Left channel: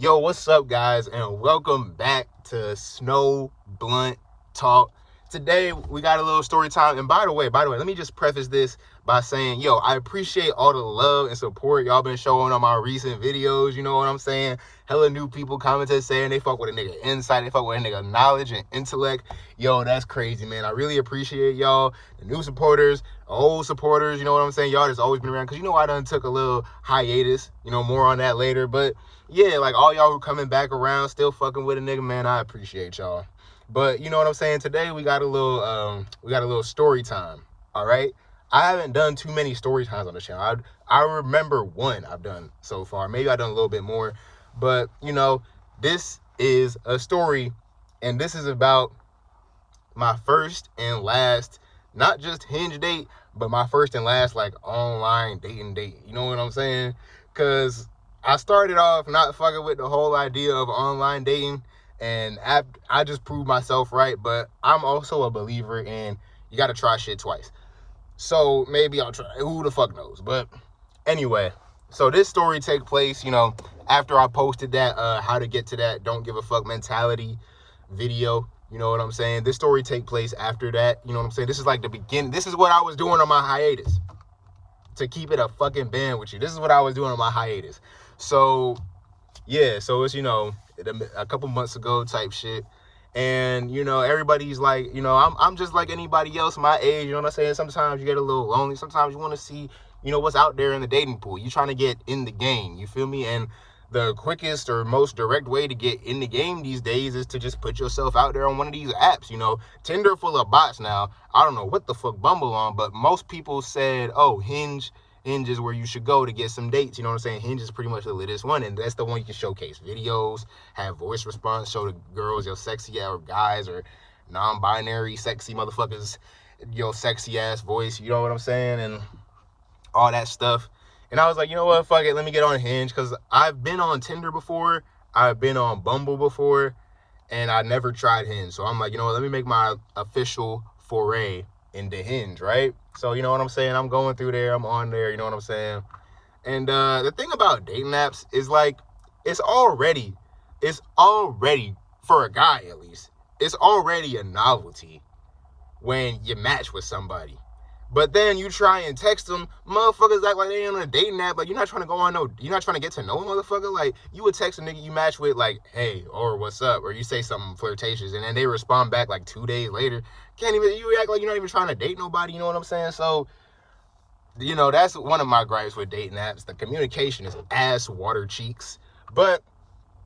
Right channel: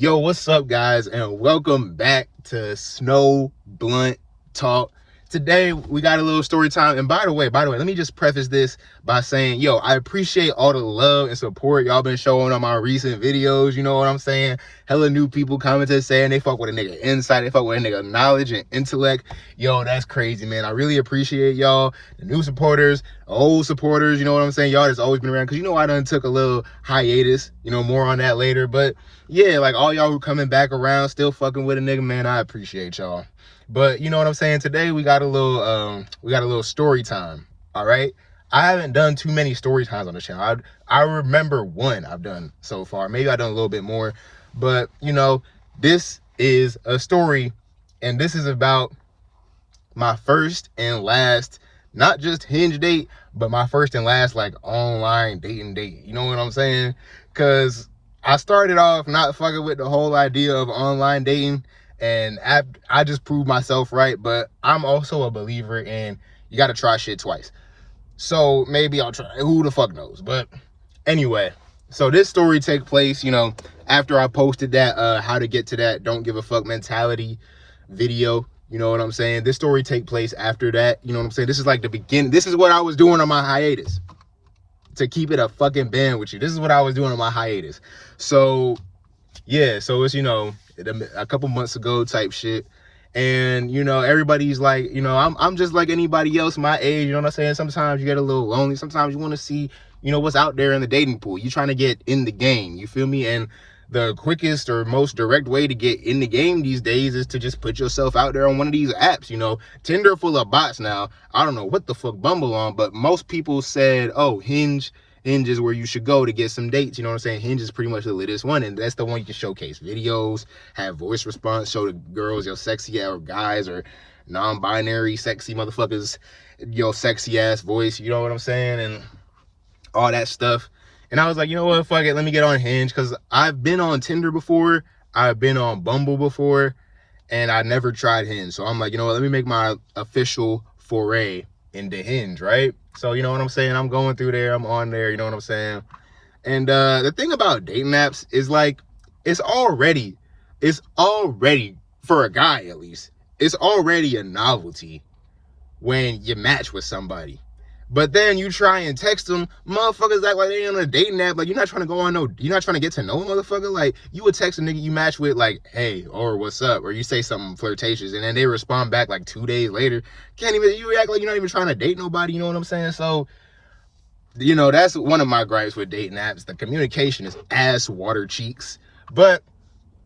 Yo, what's up, guys, and welcome back to Snow Blunt Talk. Today we got a little story time. And by the way, let me just preface this by saying, yo, I appreciate all the love and support y'all been showing on my recent videos. You know what I'm saying? Hella new people commented saying they fuck with a nigga insight, they fuck with a nigga knowledge and intellect. Yo, that's crazy, man. I really appreciate y'all, the new supporters, old supporters. You know what I'm saying? Y'all that's always been around, because I done took a little hiatus. More on that later, but yeah, like all y'all who coming back around, still fucking with a nigga, man, I appreciate y'all. But you know what I'm saying? Today we got a little story time. All right. I haven't done too many story times on the channel. I remember one I've done so far. Maybe I've done a little bit more. But this is a story, and this is about my first and last, not just Hinge date, but my first and last like online dating date. You know what I'm saying? Cause I started off not fucking with the whole idea of online dating, and I just proved myself right. But I'm also a believer in you got to try shit twice. So maybe I'll try. Who the fuck knows? But anyway, so this story take place, after I posted that how to get to that don't give a fuck mentality video. You know what I'm saying? This story take place after that. You know what I'm saying? This is like the beginning. This is what I was doing on my hiatus. To keep it a fucking band with you. This is what I was doing on my hiatus. So yeah, so it's a couple months ago type shit. And everybody's like, I'm just like anybody else my age, you know what I'm saying? Sometimes you get a little lonely. Sometimes you want to see, what's out there in the dating pool. You're trying to get in the game, you feel me? And the quickest or most direct way to get in the game these days is to just put yourself out there on one of these apps. Tinder full of bots now. I don't know what the fuck Bumble on, but most people said, oh, Hinge is where you should go to get some dates. You know what I'm saying? Hinge is pretty much the latest one, and that's the one you can showcase videos, have voice response, show the girls your sexy or guys or non-binary sexy motherfuckers your sexy ass voice. You know what I'm saying? And all that stuff. And I was like, you know what, fuck it, let me get on Hinge, because I've been on Tinder before, I've been on Bumble before, and I never tried Hinge. So I'm like, you know what, let me make my official foray into Hinge, right? So you know what I'm saying, I'm going through there, I'm on there, you know what I'm saying? And the thing about dating apps is like, it's already, for a guy at least, it's already a novelty when you match with somebody. But then you try and text them, motherfuckers act like they ain't on a dating app. Like, you're not trying to go on you're not trying to get to know a motherfucker. Like, you would text a nigga you match with, like, hey, or what's up? Or you say something flirtatious, and then they respond back like 2 days later. You act like you're not even trying to date nobody, you know what I'm saying? So, that's one of my gripes with dating apps. The communication is ass water cheeks. But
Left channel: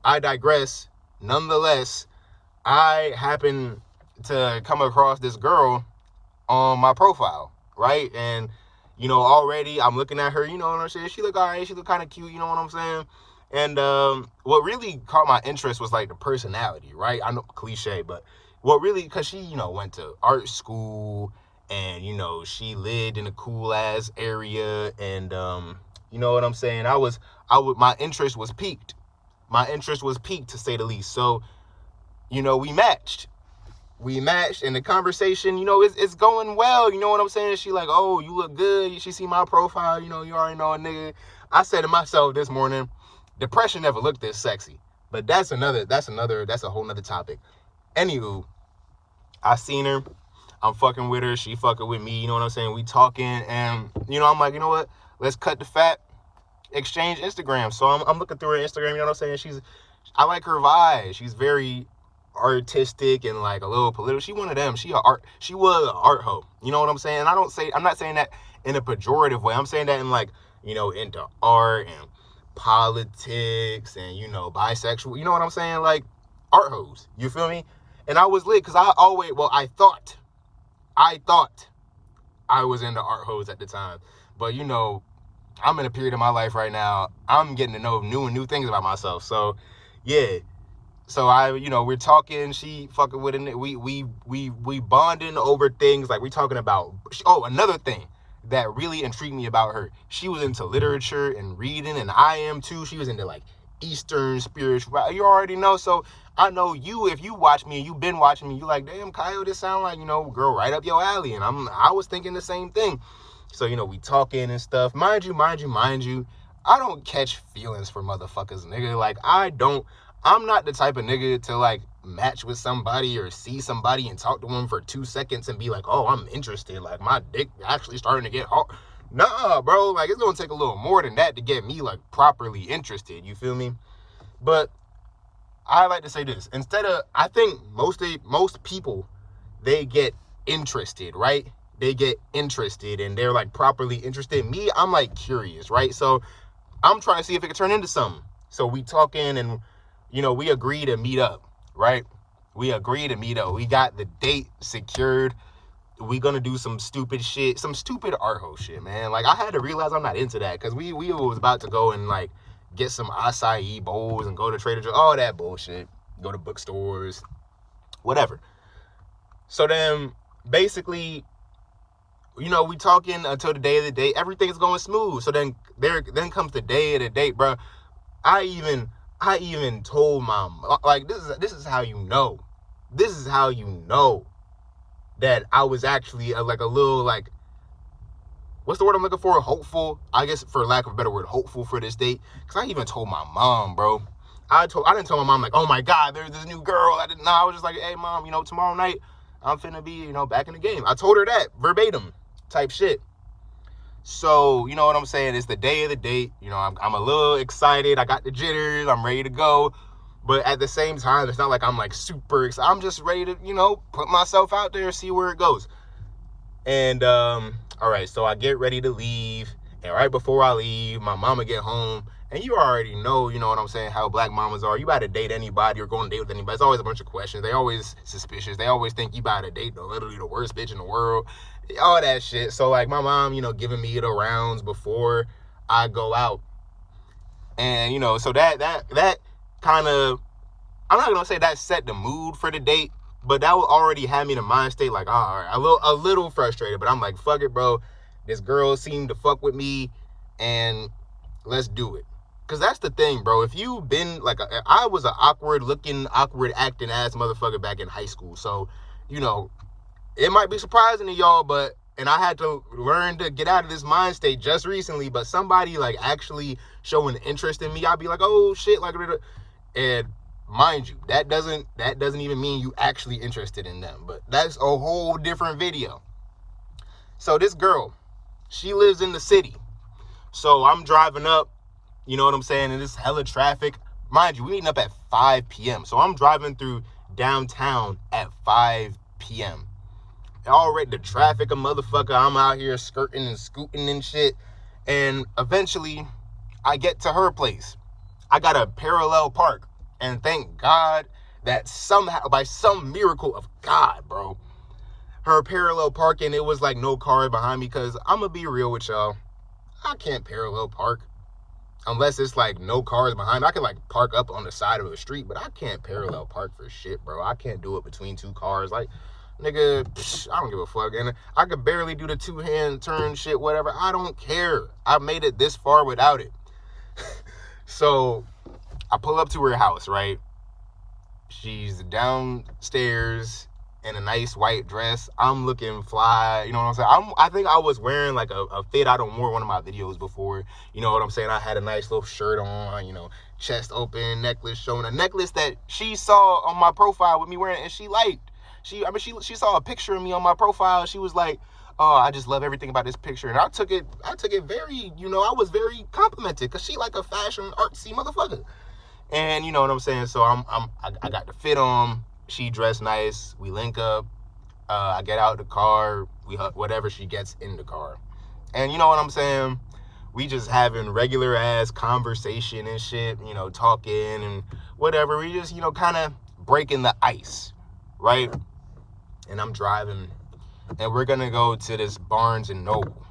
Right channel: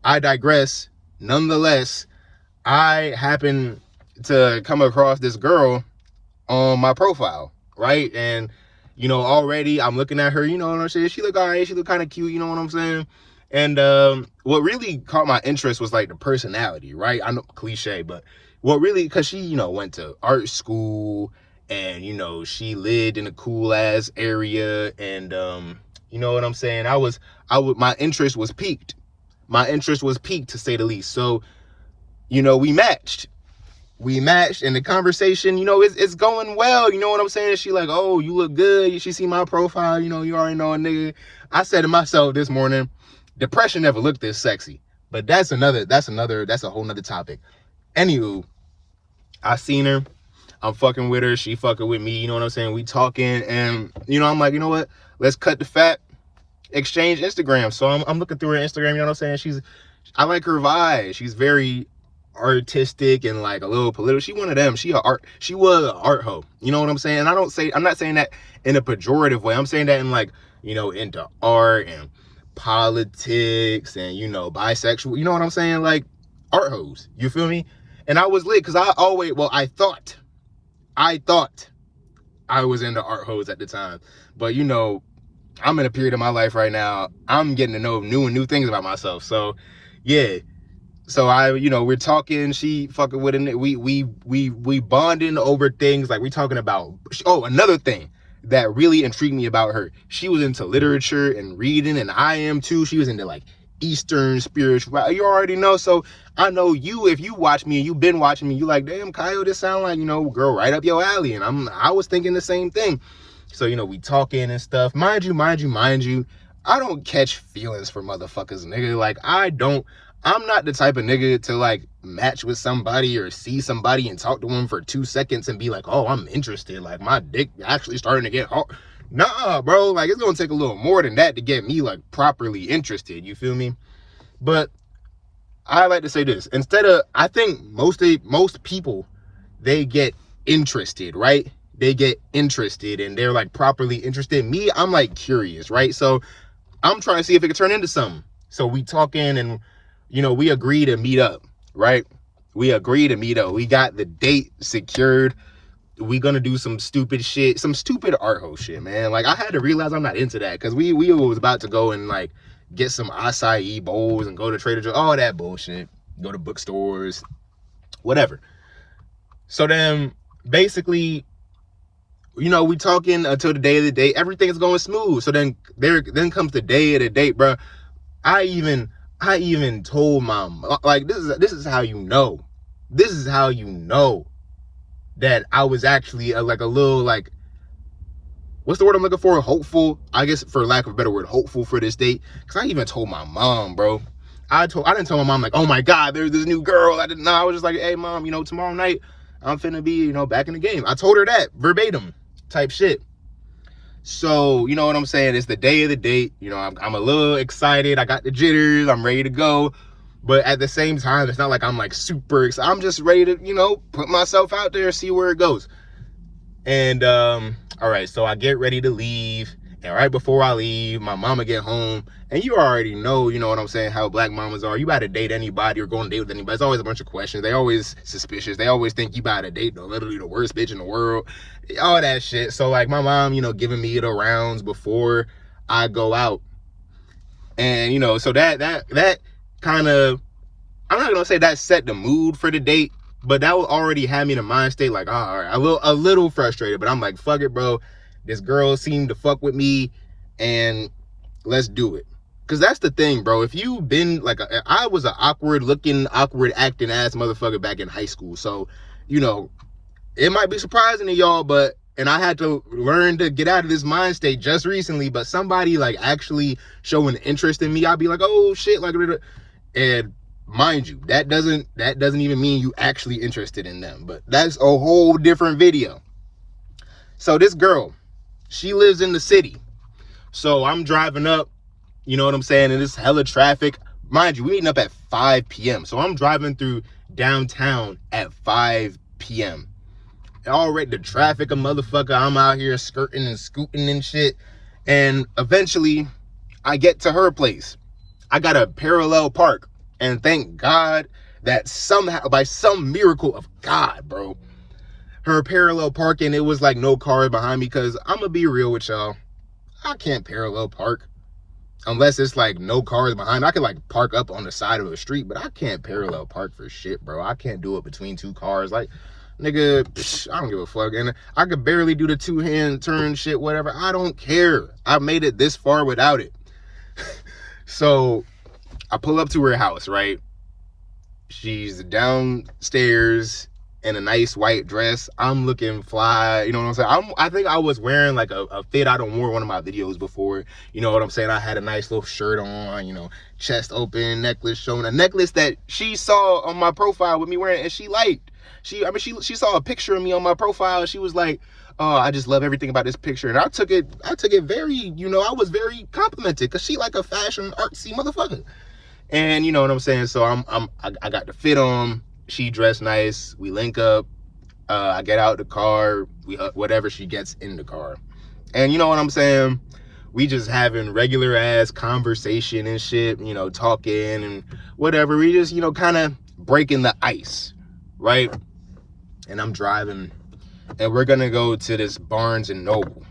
I digress. Nonetheless, I happen to come across this girl on my profile. Right? And already I'm looking at her, you know what I'm saying? She look all right, she look kind of cute, you know what I'm saying? And what really caught my interest was like the personality, right? I know, cliche, but what really, because she went to art school, and she lived in a cool ass area, and you know what I'm saying? My interest was piqued. To say the least. So we matched, and the conversation, it's going well. You know what I'm saying? She like, oh, you look good. She see my profile. You already know a nigga. I said to myself this morning, depression never looked this sexy. But that's a whole nother topic. Anywho, I seen her. I'm fucking with her. She fucking with me. You know what I'm saying? We talking, and I'm like, you know what? Let's cut the fat. Exchange Instagram. So I'm looking through her Instagram. You know what I'm saying? I like her vibe. She's very artistic and like a little political. She one of them. She was an art hoe. You know what I'm saying? And I'm not saying that in a pejorative way. I'm saying that in like, into art and politics and bisexual. You know what I'm saying? Like art hoes. You feel me? And I was lit because I thought I was into art hoes at the time. But I'm in a period of my life right now. I'm getting to know new things about myself. So yeah. So we're talking, she fucking with it. We bonding over things. Like, we talking about, another thing that really intrigued me about her. She was into literature and reading, and I am too. She was into like Eastern spiritual. You already know. So I know you, if you watch me and you've been watching me, you like, damn, Kyle, this sound like, girl, right up your alley. And I was thinking the same thing. So, we talking and stuff. Mind you, I don't catch feelings for motherfuckers, nigga. Like, I'm not the type of nigga to, like, match with somebody or see somebody and talk to them for 2 seconds and be like, oh, I'm interested. Like, my dick actually starting to get hard. Nah, bro. Like, it's gonna take a little more than that to get me, like, properly interested. You feel me? But I like to say this. I think most people, they get interested, right? They get interested and they're, like, properly interested. Me, I'm, like, curious, right? So I'm trying to see if it could turn into something. So we talking and, we agree to meet up, right? We agree to meet up. We got the date secured. We gonna do some stupid shit, some stupid art hole shit, man. Like, I had to realize I'm not into that, because we was about to go and, like, get some acai bowls and go to Trader Joe's, all that bullshit. Go to bookstores, whatever. So then, basically, we talking until the day of the date. Everything is going smooth. So then comes the day of the date, bro. I even told mom, like, this is how you know. This is how you know that I was actually like a little, like, what's the word I'm looking for? Hopeful, I guess, for lack of a better word, hopeful for this date. Because I even told my mom, bro. I didn't tell my mom, like, oh my God, there's this new girl. I was just like, hey, mom, tomorrow night I'm finna be, back in the game. I told her that verbatim type shit. So, you know what I'm saying? It's the day of the date. I'm a little excited. I got the jitters. I'm ready to go. But at the same time, it's not like I'm, like, super excited. I'm just ready to, put myself out there and see where it goes. And, all right, so I get ready to leave. And right before I leave, my mama get home. And you already know, you know what I'm saying, how black mamas are. You about to date anybody or go on a date with anybody, it's always a bunch of questions. They always suspicious. They always think you about to date literally the worst bitch in the world. All that shit. So, like, my mom, giving me the rounds before I go out. And, so that kind of, I'm not gonna say that set the mood for the date, but that would already have me in a mind state, like, all right, a little frustrated, but I'm like, fuck it, bro. This girl seemed to fuck with me, and let's do it. Because that's the thing, bro. If you've been, like, I was an awkward looking, awkward acting ass motherfucker back in high school. So, it might be surprising to y'all, and I had to learn to get out of this mind state just recently, but somebody, like, actually showing interest in me, I'd be like, oh shit, like, and mind you, that doesn't even mean you actually interested in them, but that's a whole different video. So this girl, she lives in the city. So I'm driving up, you know what I'm saying, and it's hella traffic. Mind you, we meeting up at 5 p.m. So I'm driving through downtown at 5 p.m. Already the traffic a motherfucker. I'm out here skirting and scooting and shit. And eventually I get to her place. I got a parallel park. And thank God that somehow, by some miracle of God, bro, her parallel parking, it was like no cars behind me. Because I'm going to be real with y'all. I can't parallel park unless it's like no cars behind. I can, like, park up on the side of the street, but I can't parallel park for shit, bro. I can't do it between two cars. Like, nigga, I don't give a fuck. And I could barely do the two-hand turn shit, whatever. I don't care. I made it this far without it. So I pull up to her house, right? She's downstairs in a nice white dress. I'm looking fly, you know what I'm saying? I think I was wearing, like, a fit I don't wore one of my videos before. You know what I'm saying? I had a nice little shirt on, chest open, necklace showing. A necklace that she saw on my profile with me wearing, and she liked. She saw a picture of me on my profile. She was like, oh, I just love everything about this picture. And I took it very, I was very complimented, because she like a fashion artsy motherfucker. And you know what I'm saying? So I got the fit on. She dressed nice. We link up. I get out the car. We whatever, she gets in the car. And you know what I'm saying? We just having regular ass conversation and shit, talking and whatever. We just, kind of breaking the ice, right? And I'm driving, and we're gonna go to this Barnes and Noble.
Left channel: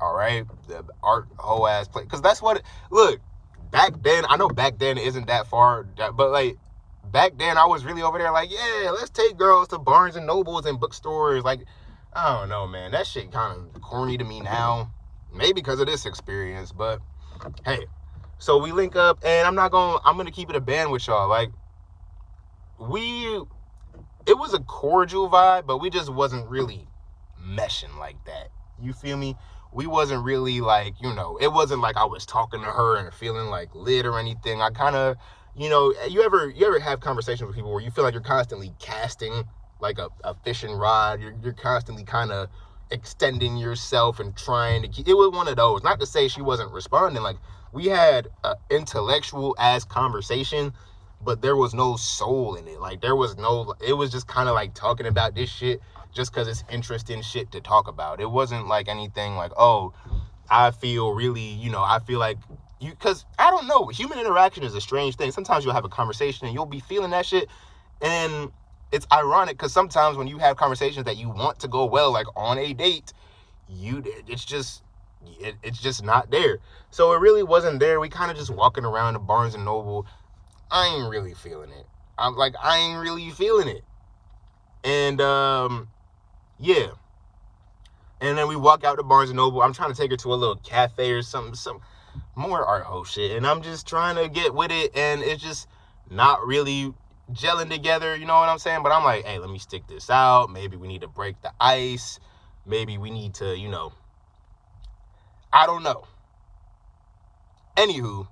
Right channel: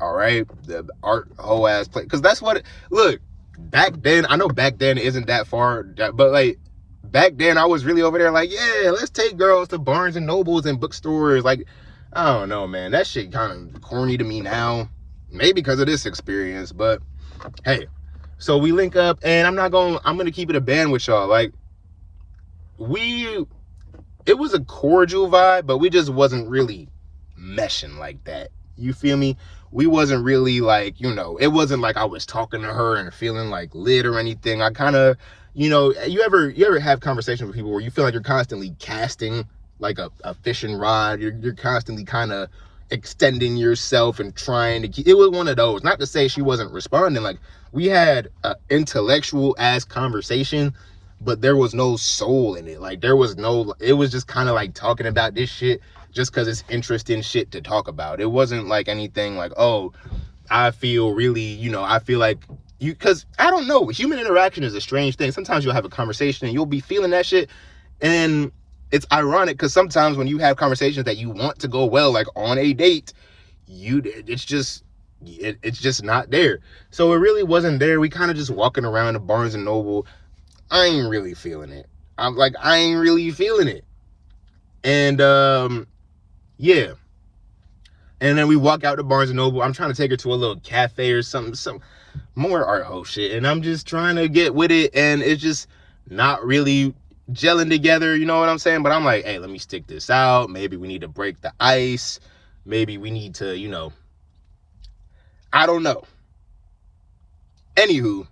All right, the art whole ass place, because that's what. Look, back then, I know back then isn't that far, but like back then I was really over there like, yeah, let's take girls to Barnes and Nobles and bookstores. Like, I don't know, man, that shit kind of corny to me now. Maybe because of this experience, but hey. So we link up, and I'm gonna keep it a band with y'all. Like, it was a cordial vibe, but we just wasn't really meshing like that. You feel me? we wasn't really like, you know, it wasn't like I was talking to her and feeling like lit or anything. I kind of, you know, you ever have conversations with people where you feel like you're constantly casting like a fishing rod. You're constantly kind of extending yourself and trying to keep. It was one of those. Not to say she wasn't responding. Like, we had an intellectual ass conversation, but there was no soul in it. Like, there was no, it was just kind of like talking about this shit just because it's interesting shit to talk about. It wasn't like anything like, oh, I feel really, you know, I feel like you, because I don't know, human interaction is a strange thing. Sometimes you'll have a conversation and you'll be feeling that shit, and it's ironic because sometimes when you have conversations that you want to go well, like on a date, it's just not there. So it really wasn't there. We kind of just walking around the Barnes and Noble. I ain't really feeling it. I ain't really feeling it. And yeah. And then we walk out to Barnes and Noble. I'm trying to take her to a little cafe or something, some more art hoe shit. And I'm just trying to get with it, and it's just not really gelling together, you know what I'm saying? But I'm like, hey, let me stick this out. Maybe we need to break the ice. Maybe we need to, you know, I don't know. Anywho,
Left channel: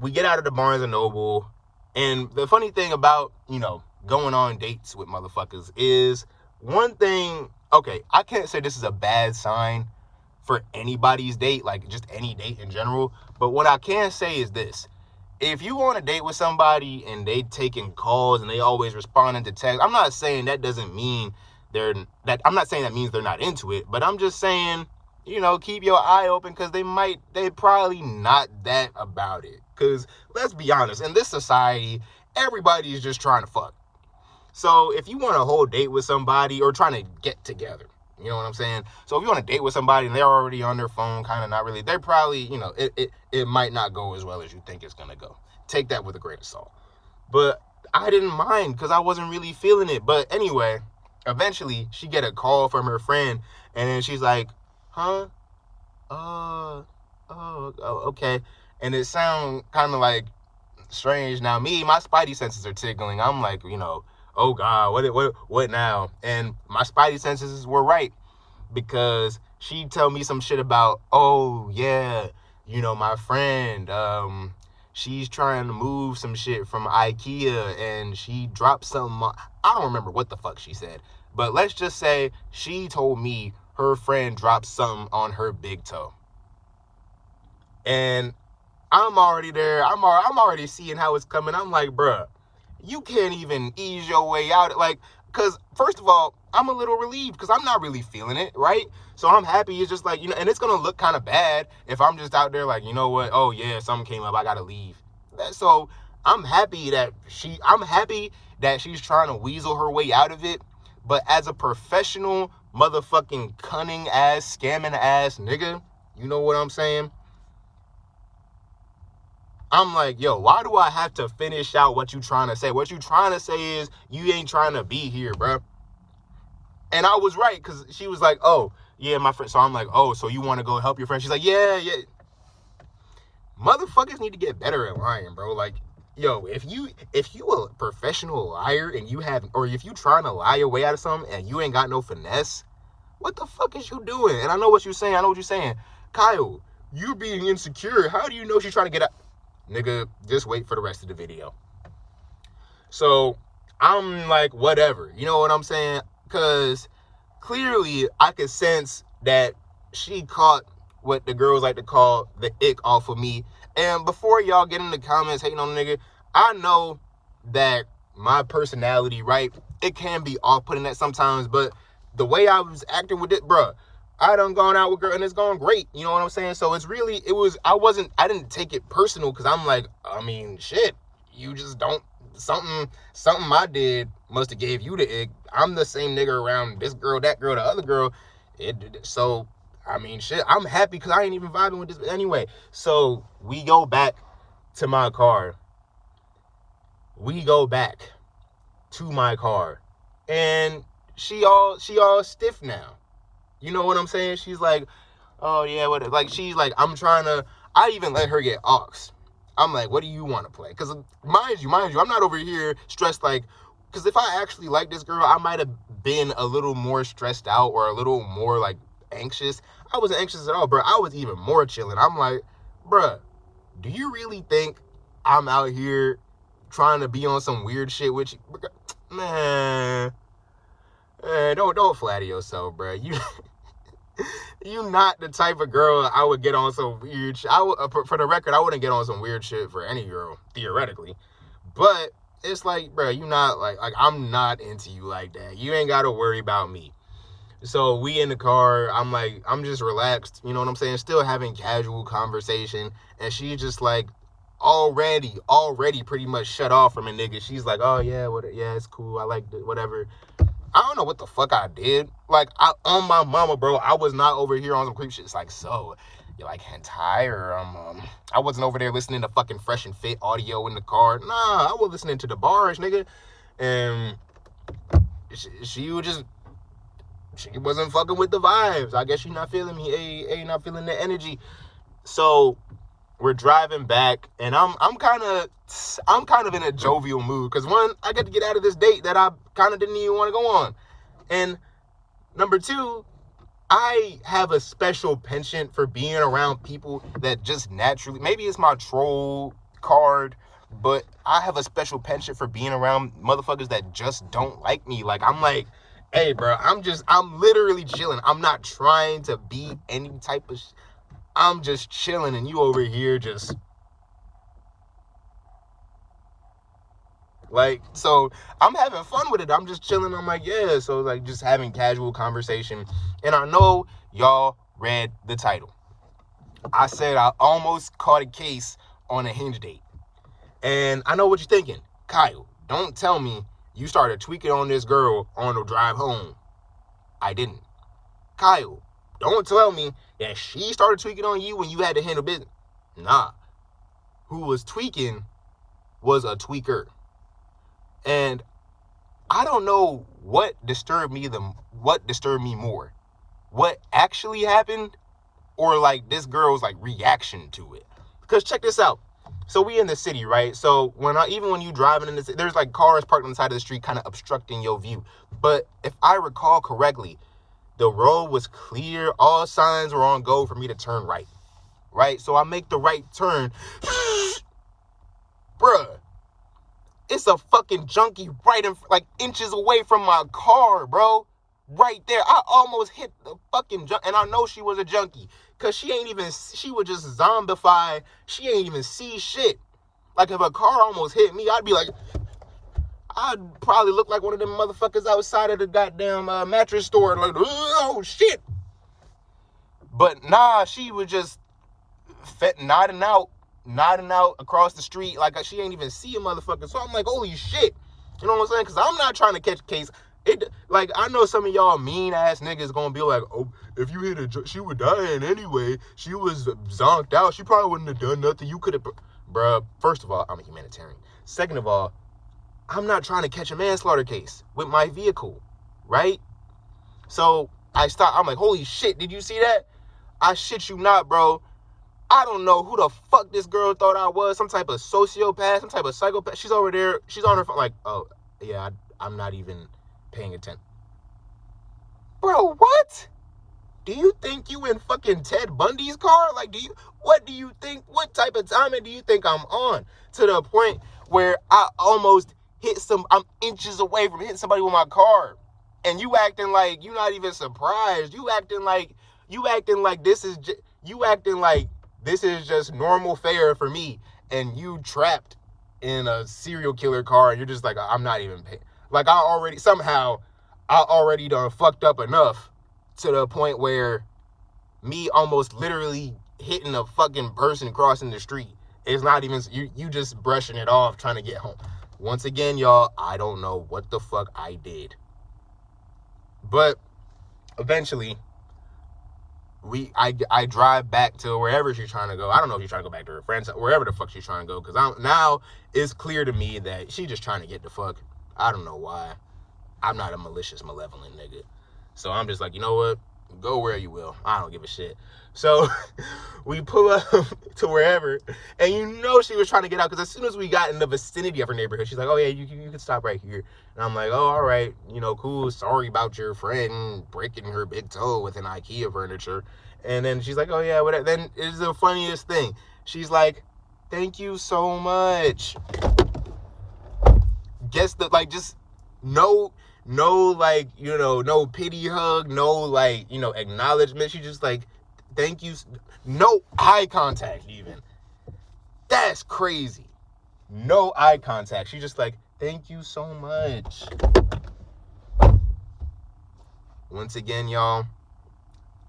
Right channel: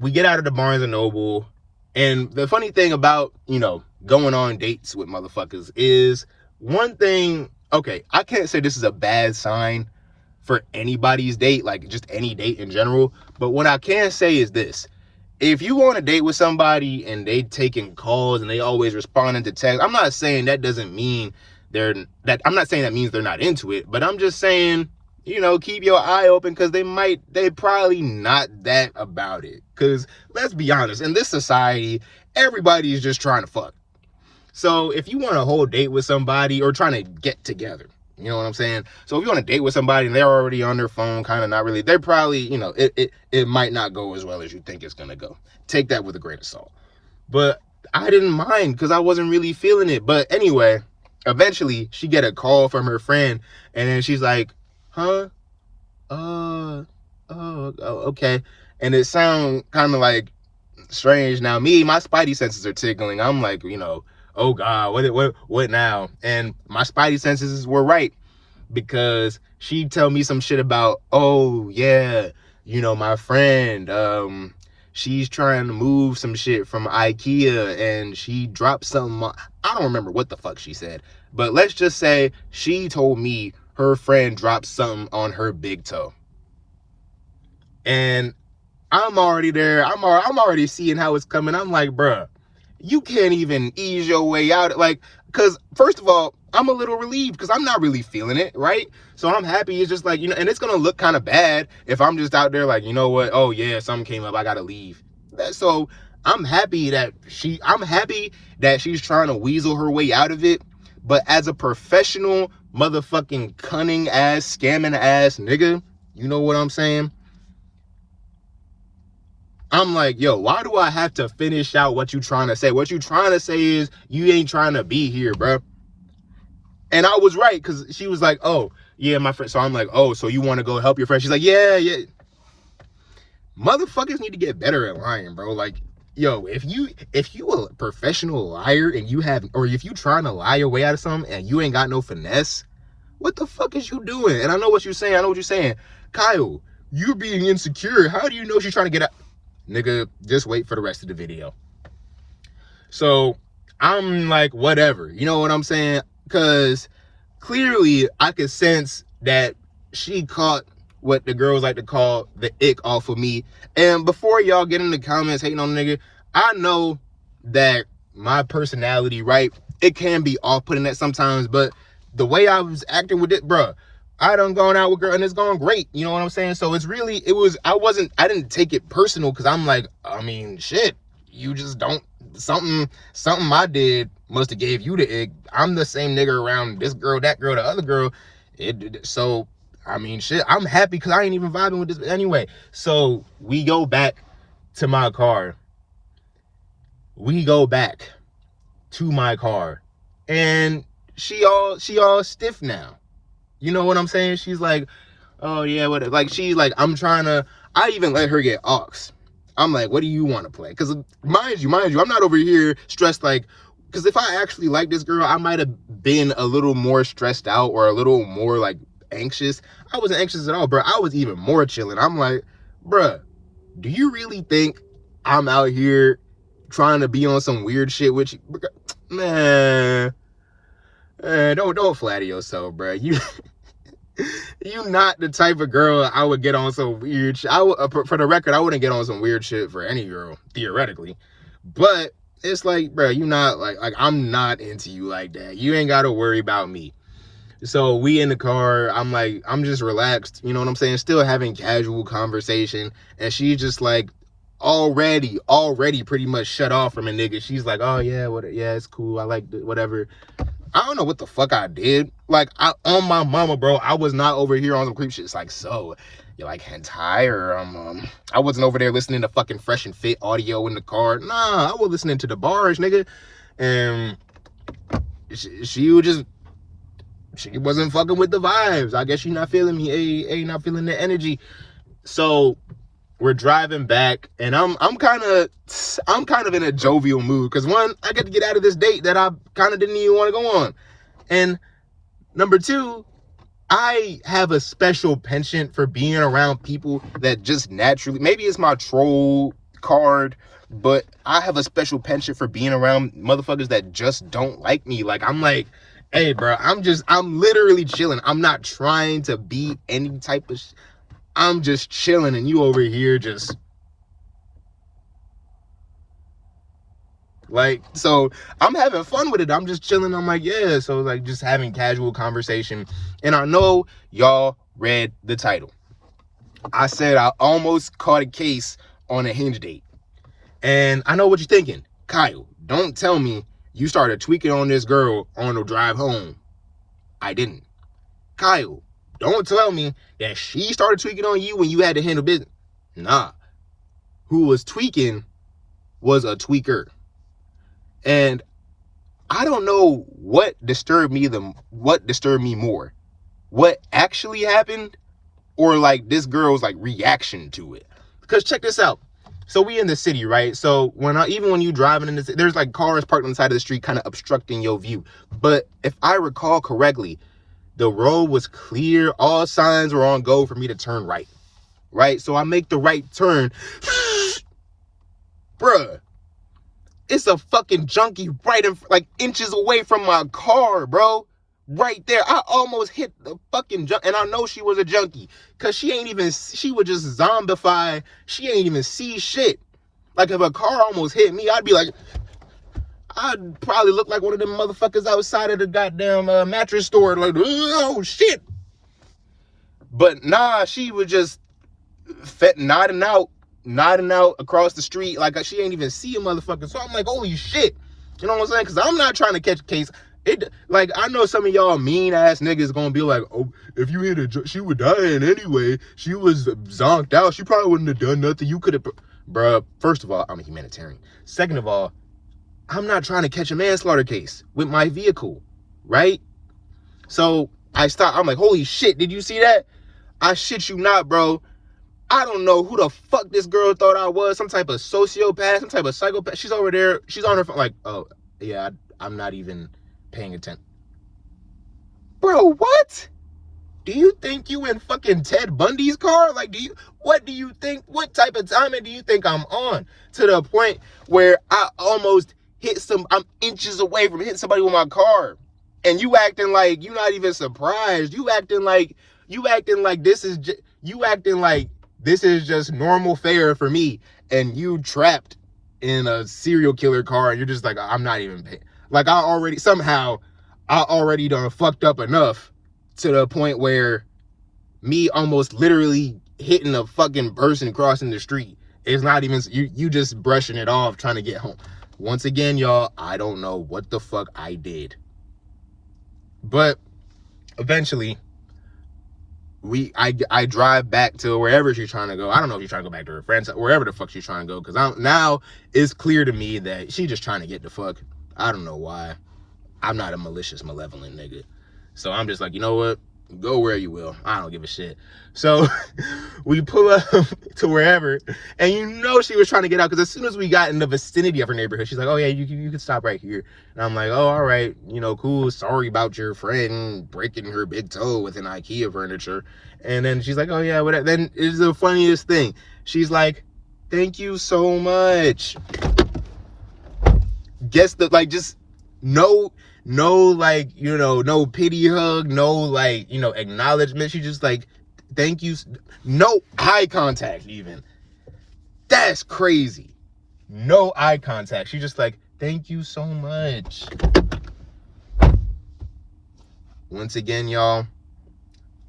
we get out of the Barnes and Noble, and the funny thing about, you know, going on dates with motherfuckers is one thing. Okay, I can't say this is a bad sign for anybody's date, like just any date in general. But what I can say is this: if you go on a date with somebody and they taking calls and they always responding to text, I'm not saying that doesn't mean I'm not saying that means they're not into it, but I'm just saying, you know, keep your eye open, because they probably not that about it. Because let's be honest, in this society, everybody is just trying to fuck. So if you want a whole date with somebody or trying to get together, you know what I'm saying? So if you want to date with somebody and they're already on their phone, kind of not really, they're probably, you know, it might not go as well as you think it's going to go. Take that with a grain of salt. But I didn't mind because I wasn't really feeling it. But anyway, eventually she get a call from her friend, and then she's like, huh? Okay. And it sounds kind of like strange. Now my spidey senses are tickling. I'm like, you know, oh God, what now? And my spidey senses were right, because she tell me some shit about, oh yeah, you know, my friend, she's trying to move some shit from IKEA and she dropped something. I don't remember what the fuck she said, but let's just say she told me her friend dropped something on her big toe. And I'm already there. I'm already seeing how it's coming. I'm like, bruh, you can't even ease your way out. Like, because first of all, I'm a little relieved because I'm not really feeling it, right? So I'm happy. It's just like, you know, and it's going to look kind of bad if I'm just out there like, you know what? Oh yeah, something came up. I got to leave. So I'm happy that she's trying to weasel her way out of it. But as a professional motherfucking cunning ass, scamming ass nigga, you know what I'm saying? I'm like, yo, why do I have to finish out what you trying to say? What you trying to say is you ain't trying to be here, bro. And I was right, because she was like, oh, yeah, my friend. So I'm like, oh, so you want to go help your friend? She's like, yeah. Motherfuckers need to get better at lying, bro. Like, yo, if you a professional liar and if you trying to lie your way out of something and you ain't got no finesse, what the fuck is you doing? And I know what you're saying. Kyle, you're being insecure. How do you know she's trying to get out? Nigga, just wait for the rest of the video. So I'm like, whatever, you know what I'm saying? Because clearly I could sense that she caught what the girls like to call the ick off of me. And before y'all get in the comments hating on the nigga, I know that my personality, right, it can be off-putting at sometimes, but the way I was acting with it, bruh, I done gone out with girl and it's going great. You know what I'm saying? So I didn't take it personal, because I'm like, I mean, shit, you just don't, something I did must have gave you the egg. I'm the same nigga around this girl, that girl, the other girl. So, I mean, shit, I'm happy because I ain't even vibing with this anyway. So we go back to my car. And she all stiff now. You know what I'm saying? She's like, oh yeah, what? Like, she's like, I even let her get aux. I'm like, what do you want to play? Because mind you, I'm not over here stressed, like, because if I actually like this girl, I might have been a little more stressed out or a little more like anxious. I wasn't anxious at all, bro. I was even more chilling. I'm like, bruh, do you really think I'm out here trying to be on some weird shit with you? Man, don't flatter yourself, bro. You not the type of girl I would get on some weird shit. For the record, I wouldn't get on some weird shit for any girl, theoretically. But it's like, bro, you not like I'm not into you like that. You ain't got to worry about me. So we in the car, I'm just relaxed, you know what I'm saying? Still having casual conversation. And she's just like already pretty much shut off from a nigga. She's like, oh yeah, yeah, it's cool. I like whatever. I don't know what the fuck I did. Like, on my mama, bro, I was not over here on some creep shit. It's like, so, you like hentai? Or, I wasn't over there listening to fucking Fresh and Fit audio in the car. Nah, I was listening to the bars, nigga. And she wasn't fucking with the vibes. I guess she not feeling me. Not feeling the energy. So we're driving back, and I'm kind of in a jovial mood, because one, I got to get out of this date that I kind of didn't even want to go on, and number two, I have a special penchant for being around people that just naturally, maybe it's my troll card, but I have a special penchant for being around motherfuckers that just don't like me. Like, I'm like, hey, bro, I'm literally chilling. I'm not trying to be any type of I'm just chilling, and you over here just like, so I'm having fun with it. I'm just chilling. I'm like, yeah. So like just having casual conversation. And I know y'all read the title. I said I almost caught a case on a Hinge date. And I know what you're thinking. Kyle, don't tell me you started tweaking on this girl on the drive home. I didn't. Kyle, don't tell me that she started tweaking on you when you had to handle business. Nah. Who was tweaking was a tweaker. And I don't know what disturbed me more. What actually happened, or like this girl's like reaction to it. Because check this out. So we in the city, right? So even when you driving in the city, there's like cars parked on the side of the street kind of obstructing your view. But if I recall correctly, the road was clear. All signs were on go for me to turn right. Right? So I make the right turn. Bruh. It's a fucking junkie right in, like, inches away from my car, bro. Right there. I almost hit the fucking junkie. And I know she was a junkie. Because she would just zombify. She ain't even see shit. Like, if a car almost hit me, I'd be like, I'd probably look like one of them motherfuckers outside of the goddamn mattress store. Like, oh, shit. But nah, she was just nodding out across the street like she ain't even see a motherfucker. So I'm like, holy shit. You know what I'm saying? Because I'm not trying to catch a case. Like, I know some of y'all mean ass niggas gonna be like, oh, if you hit her, she would die anyway. She was zonked out. She probably wouldn't have done nothing. You could have, bruh. First of all, I'm a humanitarian. Second of all, I'm not trying to catch a manslaughter case with my vehicle, right? So I stop. I'm like, holy shit, did you see that? I shit you not, bro. I don't know who the fuck this girl thought I was. Some type of sociopath, some type of psychopath. She's over there. She's on her phone like, oh, yeah, I'm not even paying attention. Bro, what? Do you think you in fucking Ted Bundy's car? Like, what do you think? What type of timing do you think I'm on? To the point where I almost I'm inches away from hitting somebody with my car. And you acting like you're not even surprised. You acting like this is just normal fare for me. And you trapped in a serial killer car, and you're just like, I'm not even paying. Like, I already done fucked up enough to the point where me almost literally hitting a fucking person crossing the street is not even, you just brushing it off trying to get home. Once again, y'all, I don't know what the fuck I did. But eventually, I drive back to wherever she's trying to go. I don't know if she's trying to go back to her friends, wherever the fuck she's trying to go. Because now it's clear to me that she's just trying to get the fuck. I don't know why. I'm not a malicious, malevolent nigga. So I'm just like, you know what? Go where you will. I don't give a shit. So we pull up to wherever, and you know she was trying to get out, because as soon as we got in the vicinity of her neighborhood, she's like, oh yeah, you can stop right here. And I'm like, oh, all right, cool. Sorry about your friend breaking her big toe with an IKEA furniture. And then she's like, oh yeah, whatever. Then it's the funniest thing. She's like, thank you so much. Guess the, like, just no, like, you know, no pity hug, no, like, you know, acknowledgement. She just like, thank you. No eye contact even. That's crazy. No eye contact. She just like, thank you so much. Once again, y'all,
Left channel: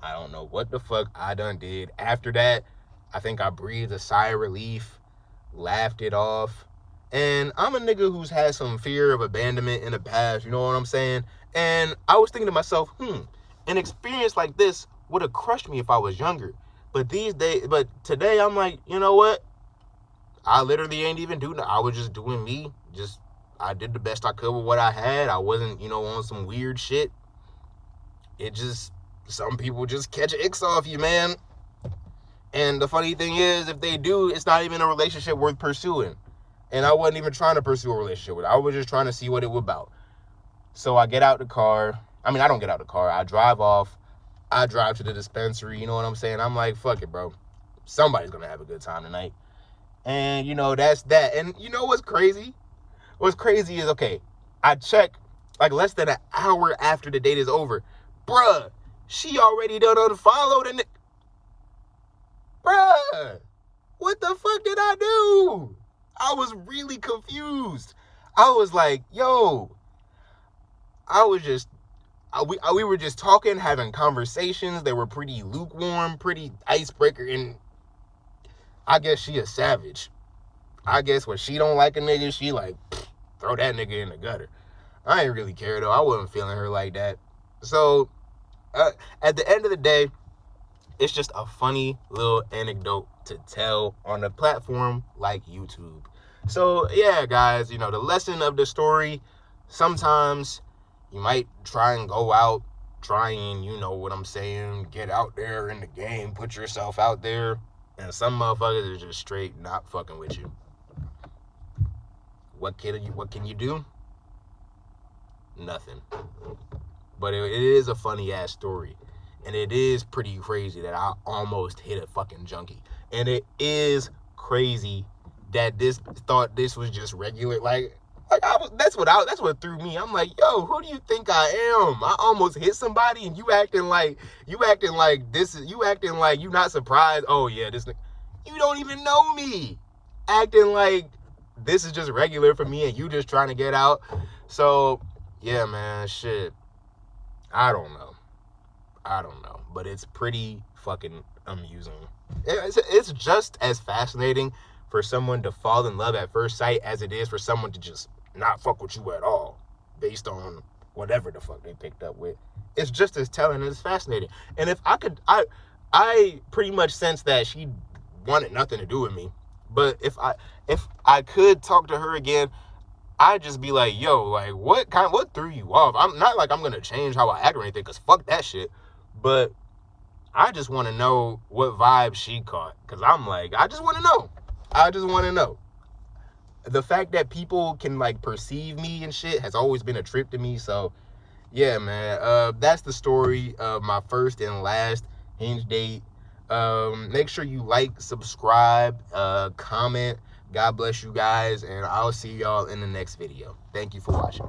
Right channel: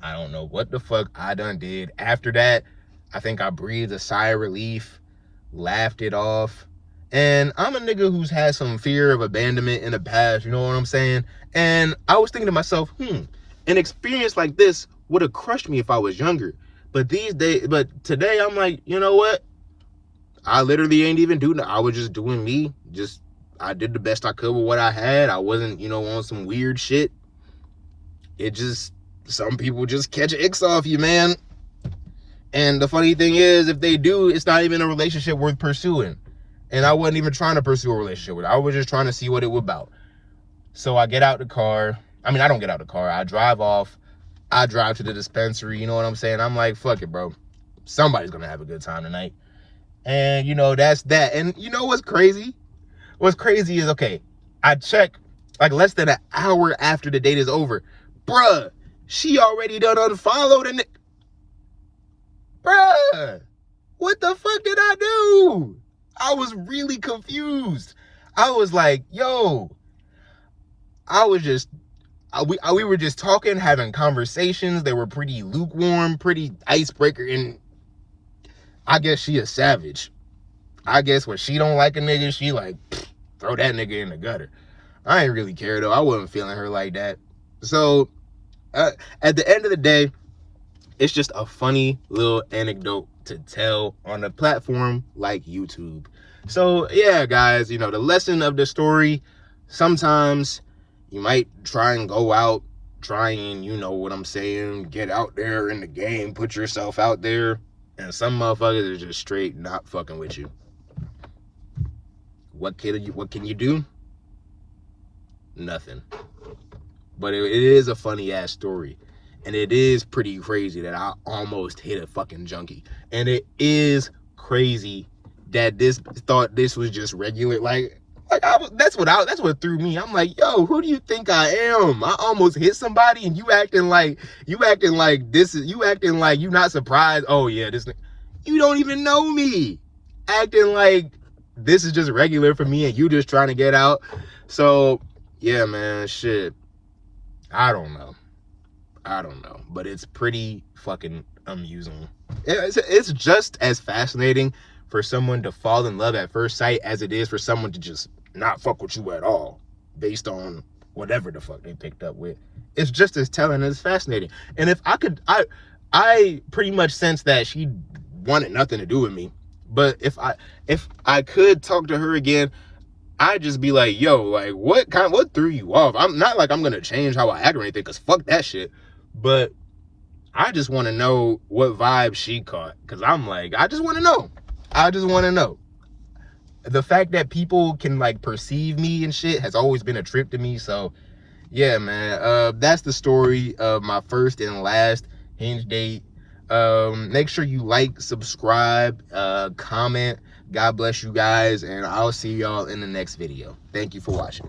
I don't know what the fuck I done did. After that, I think I breathed a sigh of relief, laughed it off. And I'm a nigga who's had some fear of abandonment in the past, you know what I'm saying? And I was thinking to myself, an experience like this would have crushed me if I was younger. But today I'm like, you know what? I literally ain't even doing it. I was just doing me. I did the best I could with what I had. I wasn't, you know, on some weird shit. Some people just catch icks off you, man. And the funny thing is, if they do, it's not even a relationship worth pursuing. And I wasn't even trying to pursue a relationship with her. I was just trying to see what it was about. So I get out the car. I mean, I don't get out the car. I drive off. I drive to the dispensary. You know what I'm saying? I'm like, fuck it, bro. Somebody's going to have a good time tonight. And, you know, that's that. And you know what's crazy? What's crazy is, okay, I check like less than an hour after the date is over. Bruh, she already done unfollowed and bruh, what the fuck did I do? I was really confused. I was like, yo, we were just talking, having conversations. They were pretty lukewarm, pretty icebreaker. And I guess she a savage. I guess when she don't like a nigga, she like, throw that nigga in the gutter. I ain't really care though. I wasn't feeling her like that. So at the end of the day, it's just a funny little anecdote to tell on a platform like YouTube. So yeah, guys, you know, the lesson of the story, sometimes you might try and go out, you know what I'm saying, get out there in the game, put yourself out there, and some motherfuckers are just straight not fucking with you. What can you do? Nothing. But it is a funny ass story. And it is pretty crazy that I almost hit a fucking junkie. And it is crazy that thought this was just regular. That's what threw me. I'm like, yo, who do you think I am? I almost hit somebody, and you acting like you not surprised. Oh yeah, you don't even know me. Acting like this is just regular for me, and you just trying to get out. So yeah, man, shit. I don't know, but it's pretty fucking amusing. It's just as fascinating for someone to fall in love at first sight as it is for someone to just not fuck with you at all based on whatever the fuck they picked up with. It's just as telling and it's fascinating. And if I could, I pretty much sense that she wanted nothing to do with me. But if I could talk to her again, I'd just be like, yo, like, what threw you off? I'm not like I'm gonna change how I act or anything, because fuck that shit. But I just want to know what vibe she caught, because I'm like, I just want to know. The fact that people can like perceive me and shit has always been a trip to me. So yeah, man, that's the story of my first and last Hinge date. Make sure you like, subscribe, comment. God bless you guys, and I'll see y'all in the next video. Thank you for watching.